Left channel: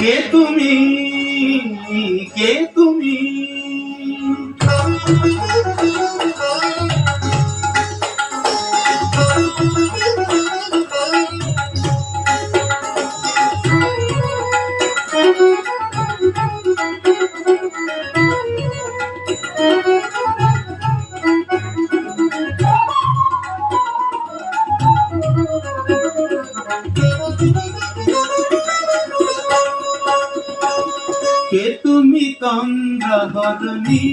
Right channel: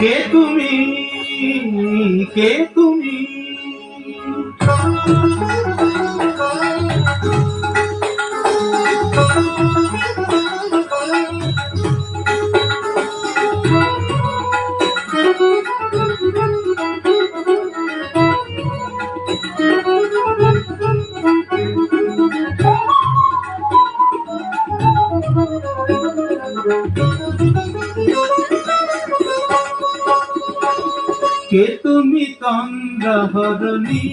কে তুমি, কে তুমি? কে তুমি তন্দ্রাহরণী,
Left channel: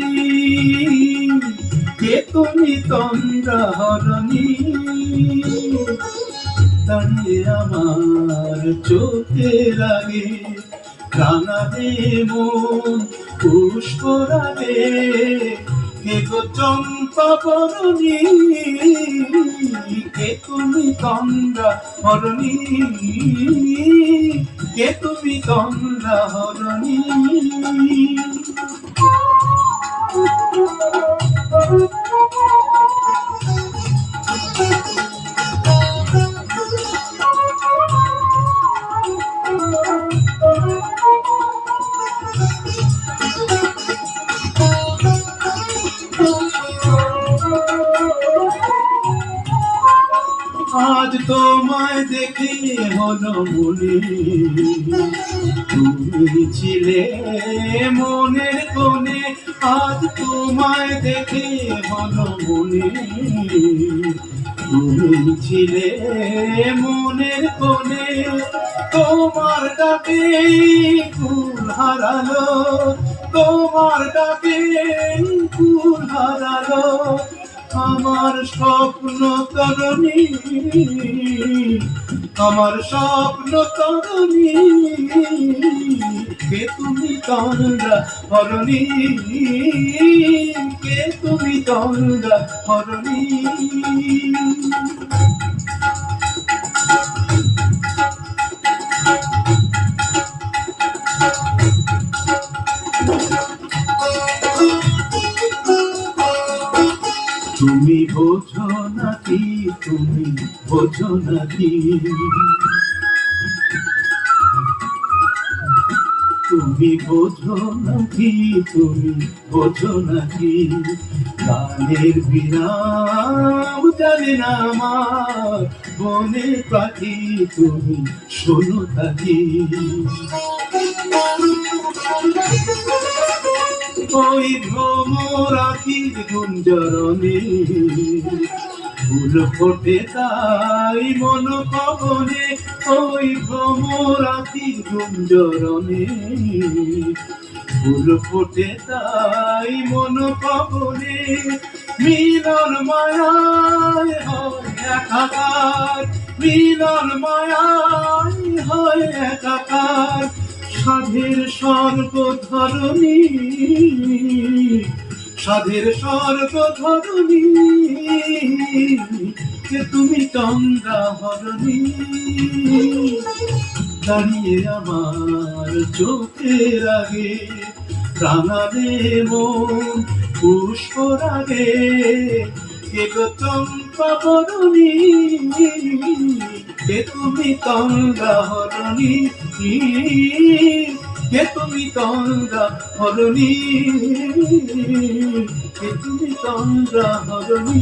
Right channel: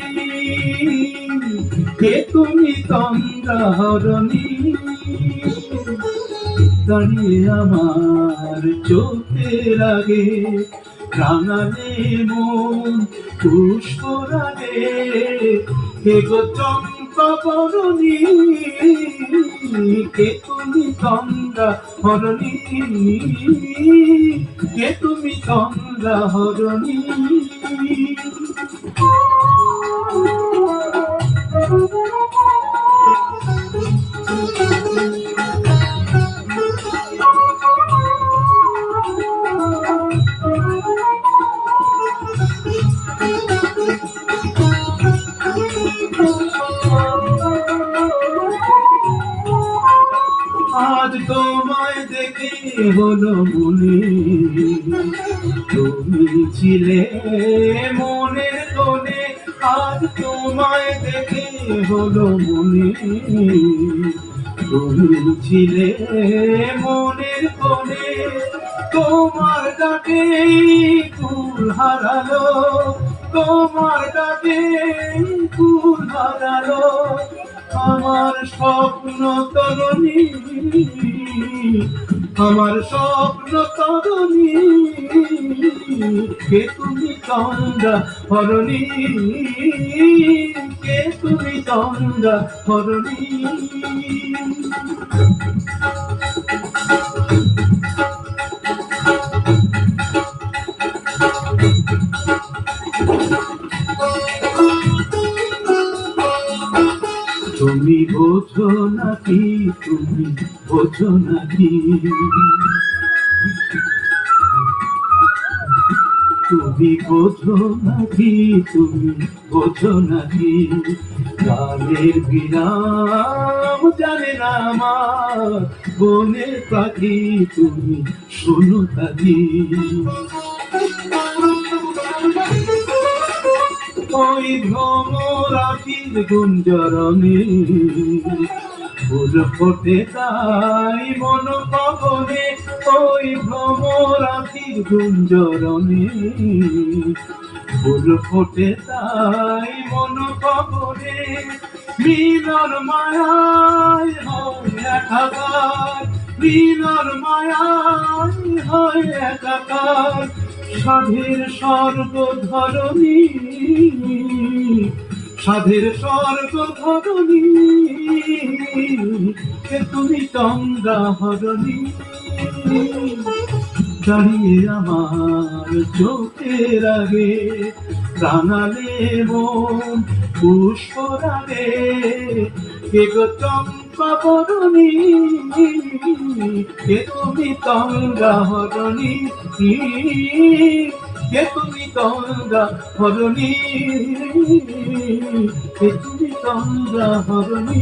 কে তুমি তন্দ্রাহরণী? দাঁড়িয়ে আমার চোখের আগে রাঙালে মন পুষ্করাগে, কে গো চম্পা বরণী? কে তুমি তন্দ্রাহরণী, কে তুমি তন্দ্রাহরণী? আজ তোমায় দেখে হলো মনে, তুমি ছিলে মনের কোণে। আজ তোমায় দেখে হলো মনে, তুমি ছিলে মনের কোণে। তোমার ডাকে কুল হারালো, তোমার ডাকে কুল হারালো আমার স্বপ্ন তরণী, আমার স্বপ্ন তরণী। কে তুমি তন্দ্রাহরণী, কে তুমি তন্দ্রাহরণী? তুমি বোঝো নাকি, তুমি বোঝো নাকি? তুমি বোঝো নাকি, তুমি বোঝো নাকি? গানের বিরাম জানে না আমার বনের পাখি, তুমি শোনো তাকি। ওই ভ্রমর আখির গুঞ্জরণে ফুল ফোটে তাই মন পবনে। ওই ভ্রমর আখির গুঞ্জরণে ফুল ফোটে তাই মন পবনে। মিলন মায়ায় হয় একাকার, মিলন মায়ায় হয় একাকার। সাধের স্বর্গ ধরণী, সাধের স্বর্গ ধরণী। কে তুমি তন্দ্রাহরণী, দাঁড়িয়ে আমার চোখের আগে রাঙালে মন পুষ্করাগে। কে গো চম্পা বরণী, কে তুমি তন্দ্রাহরণী, কে তুমি তন্দ্রাহরণী, কে তুমি তন্দ্রাহরণী?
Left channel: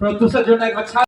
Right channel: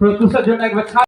প্রত্যুষের জন্য একবার